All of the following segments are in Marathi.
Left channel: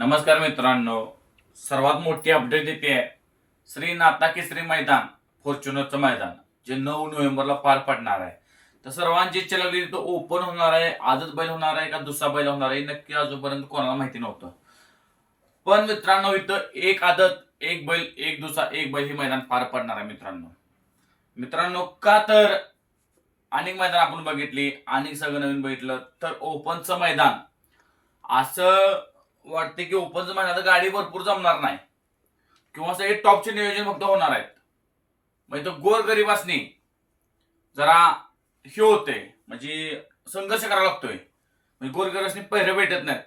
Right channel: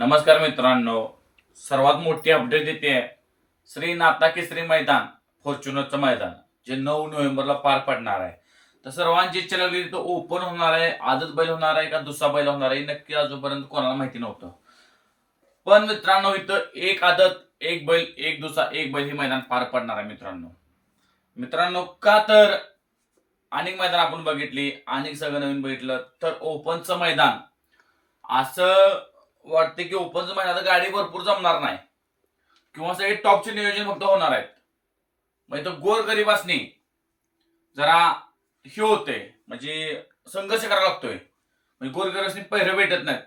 नमस्कार मित्रांनो. सर्वात मोठी अपडेट येते आहे श्री नाता केसरी मैदान फॉर्च्युनरचं मैदान जे नऊ नोव्हेंबरला पार पडणार आहे. तर सर्वांची इच्छा लागली तो ओपन होणार आहे. आजच बैल होणार आहे का दुसरा बैल होणार आहे नक्की अजूनपर्यंत कोणाला माहिती नव्हतं. पण मित्रांनो इथं एक आदत एक बैल एक दुसरा एक बैल हे मैदान पार पडणार आहे मित्रांनो. मित्रांनो का तर अनेक मैदान आपण बघितली अनेक सगळं नवीन बघितलं तर ओपनचं मैदान. असं वाटते की ओपनचं मैदान गाडी भरपूर जमणार नाही. किंवा सगळे टॉपचे नियोजन फक्त होणार आहेत. म्हणजे तो गोर गरीबासनी जरा हे होते. म्हणजे संघर्ष करावा लागतोय. म्हणजे गोर गरीबासनी पहिरे भेटत नाहीत.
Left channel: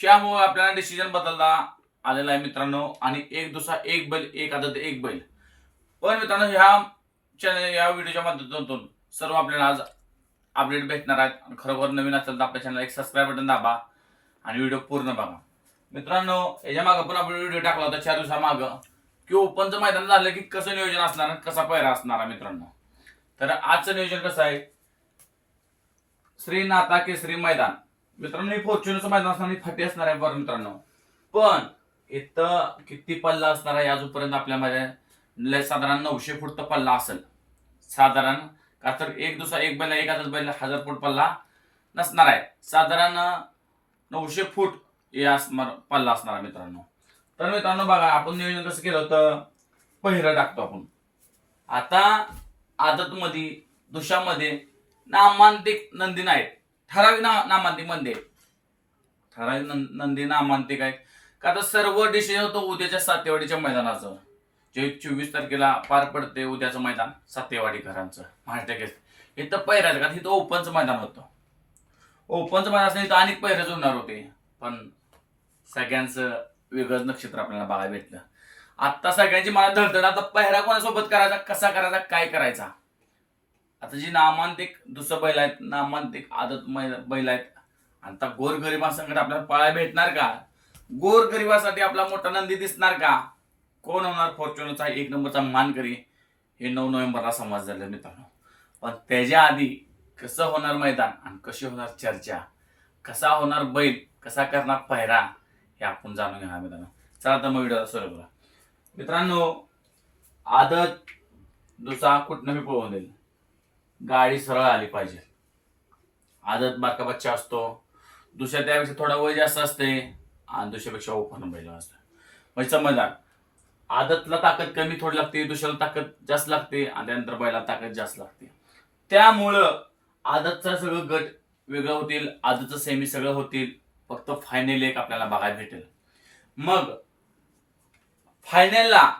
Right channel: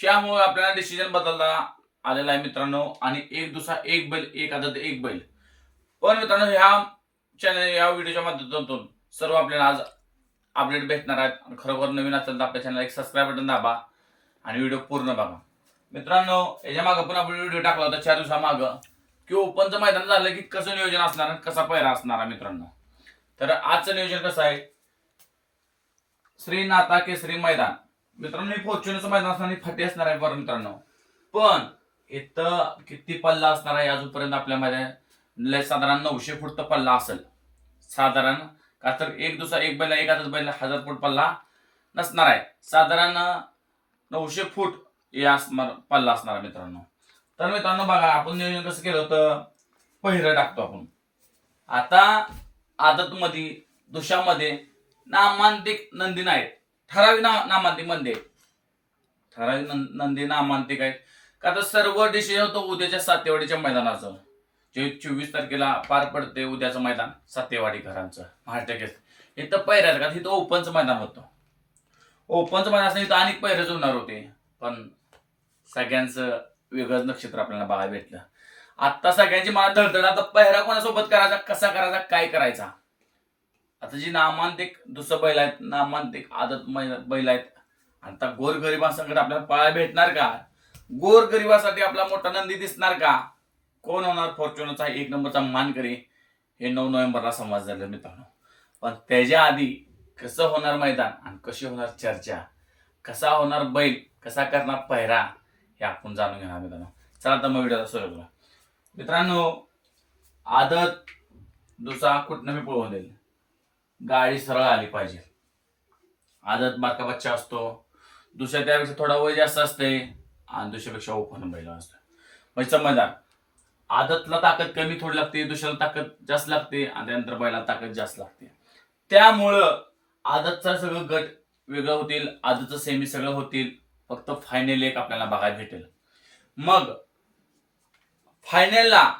त्यामुळे आपल्याला डिसिजन बदलला आलेला आहे मित्रांनो. आणि एक दुसरा एक बैल एक आदत एक बैल. पण मित्रांनो ह्या चॅनल या व्हिडिओच्या माध्यमातून सर्व आपल्याला आज अपडेट भेटणार आहेत. आणि खरोखर नवीन असेल तर आपल्या चॅनल एक सबस्क्राईब बटन दाबा. आणि व्हिडिओ पूर्ण बघा. मित्रांनो याच्या मागं पण आपण व्हिडिओ टाकला होता चार दिवसामागं की ओपनचं मैदान झालं की कसं नियोजन असणार कसा पहिरा असणार मित्रांनो. तर आजचं नियोजन कसं आहे? श्री नाता केसरी मैदान. मित्रांनो हे फॉर्च्युनरचं मैदान असणार आणि फाटी असणार आहे बरं मित्रांनो. पण इथं किती पल्ला असणार आहे अजूनपर्यंत आपल्या मैदान लय साधारण नऊशे फूट तर पल्ला असेल. साधारण का तर एक दुसरा एक बैल एक हजार बैल हजार फूट पल्ला नसणार आहे. साधारण नऊशे फूट हे असणार पल्ला असणार मित्रांनो. तर मित्रांनो बघा आपण नियोजन कसं केलं होतं? पहिरं टाकतो आपण. आता आदतमध्ये दुशामध्ये नामांतिक नंदी नाहीत. ठराविक ना नामांतिकमध्ये ठराविक नंदी नामांतिक आहेत. का आता सर्व डिसिजन होतो उद्याच्या सातेवाडीच्या मैदानाचं. जे चोवीस तारखेला पार पडते उद्याचं मैदान सातेवाडी घरांचं. महाराष्ट्र इथं पहिऱ्याचं का? तिथं ओपनचं मैदान होतं. ओपनचं मैदान असं इथं अनेक पहिरे जुळणार होते. पण सगळ्यांचं वेगळंच नक्षत्र आपल्याला बघायला भेटलं. आता सगळ्यांची मला धडधड आता पहिरा कोणासोबत करायचा कसा करायचा काय करायचा? आता जी नामांतिक दुसरं बैल आहेत नामांतिक आदत मै- बैल आहेत. आता गोरगरिबांसंकट आपल्याला पाळायला भेटणार का? गोरगरिबासाठी आपला मोठा नंदी दिसणार का? कोण होणार फॉर्च्युनरचा एक नंबरचा मानकरी? हे नऊ नोव्हेंबरला समज झालं मित्रांनो. पण त्याच्या आधी कसं होणार मैदान आणि कशी होणार चर्चा? कसा होणार बैल? कसा करणार पहिरा? हे आपण जाणून घेणार मित्रांनो. चला तर मग व्हिडिओला सुरू करू मित्रांनो आदत दुसरा कुठनं बी पळवून देईल. गाडी सरळ आली पाहिजे. आदत बारका बच्चा असतो. दुसऱ्या त्यापेक्षा थोडा वय जास्त असते आणि दुसऱ्यापेक्षा ओपन बैल असतं. म्हणजे समजदार आदतला ताकद कमी थोडी लागते दुसऱ्याला ताकद जास्त लागते आणि त्यानंतर बैला ताकद जास्त लागते. त्यामुळं आदतचा सगळं गट वेगळं होतील आदतचं सेमी सगळं होतील. फक्त फायनल एक आपल्याला बघायला भेटेल. मग फायनलला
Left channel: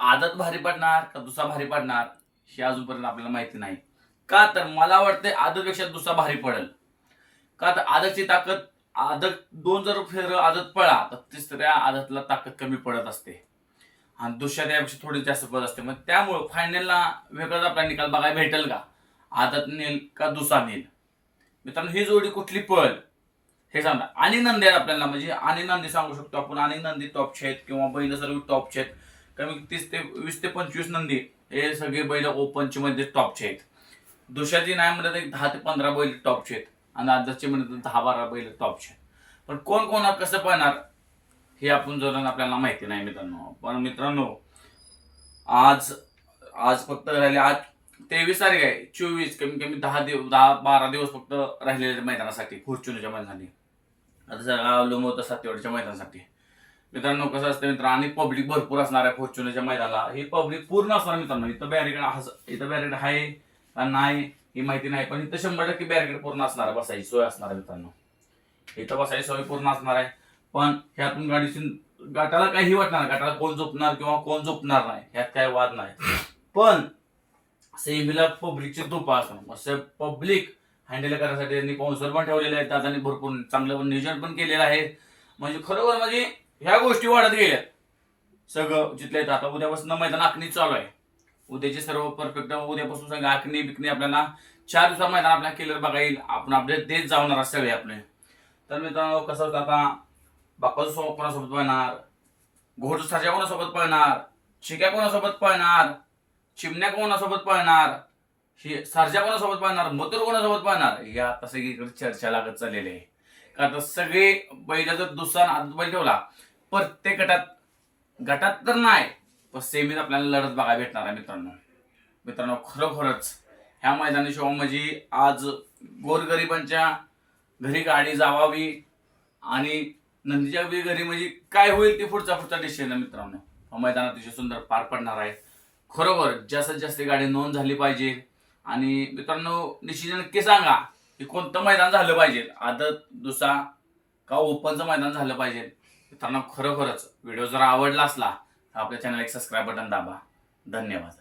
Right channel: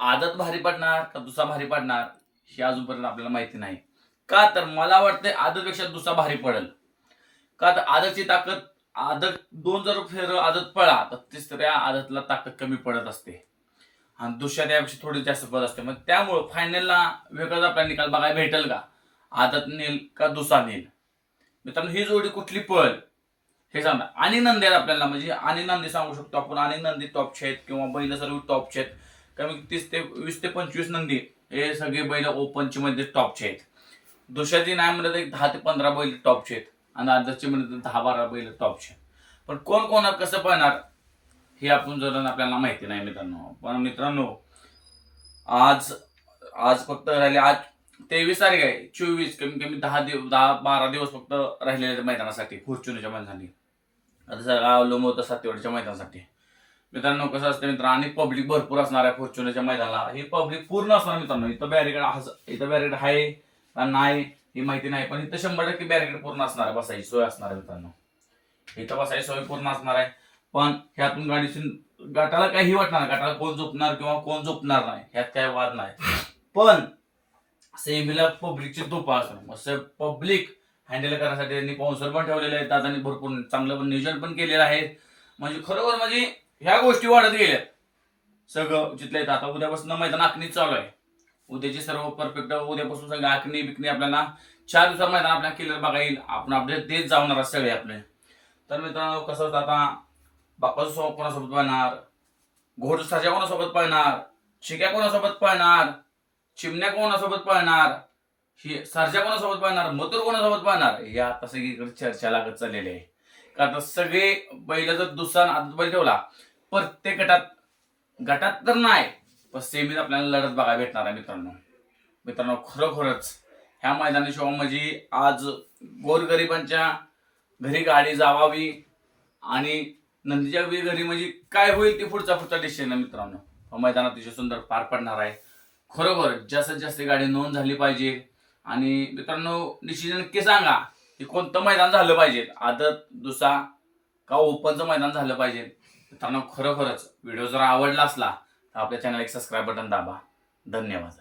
आदत भारी पडणार का दुसरा भारी पडणार हे अजूनपर्यंत आपल्याला माहिती नाही. का तर मला वाटतंय आदतपेक्षा दुसरा भारी पडेल. का तर आदतची ताकद आदत दोन जर फेर आदत पळा तर तिसऱ्या आदतला ताकद कमी पडत असते. आणि दुसऱ्या त्यापेक्षा थोडी जास्त पडत असते. मग त्यामुळं फायनलला वेगळाच आपल्याला निकाल बघायला भेटेल का? आदत नेल का दुसरा नेल? मित्रांनो ही जोडी कुठली पळ हे सांगा. आणि नंदी आहेत आपल्याला म्हणजे आणि नंदी सांगू शकतो आपण. आणि नंदी टॉपचे आहेत किंवा बैल सर्व टॉपचे आहेत. कमी तीस ते वीस ते पंचवीस नंदी हे सगळे बैल ओपनचे मध्ये टॉपचे आहेत. दुसऱ्याची नाही म्हणलं तर एक दहा ते पंधरा बैल टॉपचे आहेत. आणि आदर्शचे म्हणतात तर दहा बारा बैल टॉपचे आहेत. पण कोण कोण कसं पळणार हे आपण जर आपल्याला माहिती नाही मित्रांनो. पण मित्रांनो आज आज फक्त राहिले आज तेवीस तारीख आहे. चोवीस कमी कमी दहा दिवस दहा बारा दिवस फक्त राहिलेले मैदानासाठी फॉर्च्युनरच्या मैदानासाठी आता सगळा अवलंब सातेवाडीच्या मैदानासाठी. मित्रांनो कसं असतं मित्र आणि पब्लिक भरपूर असणार आहे फॉर्च्युनरच्या मैदानाला. हे पब्लिक पूर्ण असणार मित्रांनो. इथं बॅरिकेड इथं बॅरिकेड आहे का नाही ही माहिती नाही. पण इथं शंभर टक्के बॅरिकेड पूर्ण असणार आहे. बसायची सोय असणार आहे मित्रांनो. इथं बसायची सोय पूर्ण असणार आहे. पण ह्यातून गाडीची गाठाला काही वाटणार गटाला गाठाला कोण झोपणार किंवा कोण झोपणार नाही. ह्यात काय वाद नाही. पण सेमीला पब्लिकची धोपा असं पब्लिक हँडल करण्यासाठी त्यांनी कौन्सल पण ठेवलेले आहेत. दादांनी भरपूर चांगलं नियोजन पण केलेलं आहे. म्हणजे खरोखर म्हणजे ह्या गोष्टी वाढत गेल्या. सगळं जिथल्या इथं आता उद्यापासून मैदान आखणी चालू आहे. उद्याचे सर्व परफेक्ट उद्यापासून सगळं आखणी बिकणी आपल्याला चार दिवसात मैदान आपल्याला केलं बघा येईल. आपण अपडेट देत जाणार सगळे आपले. तर मित्रांनो कसं होतं आता? बापाचं सोबत कोणासोबत पळणार घोडसाच्या कोणासोबत पळणार शिक्या कोणासोबत पळणार चिमण्या कोणासोबत पळणार? ही सरजा कोणासोबत पळणार? मथुर कोणासोबत पळणार? हे आता सगळीकडे चर्चा लागत चाललेली आहे. का आता सगळे बैलाचा जर दुसरा आदत बैल ठेवला प्रत्येक गटात गटात तर नाही पण सेमीत आपल्याला लढत बघायला भेटणार आहे मित्रांनो. मित्रांनो खरोखरच ह्या मैदानी शो म्हणजे आज गोरगरिबांच्या घरी गाडी जावावी आणि नंदीच्या बी घरी म्हणजे काय होईल ते पुढचा पुढचा डिसिजन आहे मित्रांनो. मैदान अतिशय सुंदर पार पडणार आहे. खरोखर जास्तीत जास्त गाडी नोंद झाली पाहिजे. आणि मित्रांनो डिसिजन नक्की सांगा की कोणतं मैदान झालं पाहिजे. आदत दुसरा का ओपनचं मैदान झालं पाहिजे? मित्रांनो खरोखरच व्हिडिओ जर आवडला असला तर आपल्या चॅनल एक सबस्क्राईब बटन दाबा. धन्यवाद.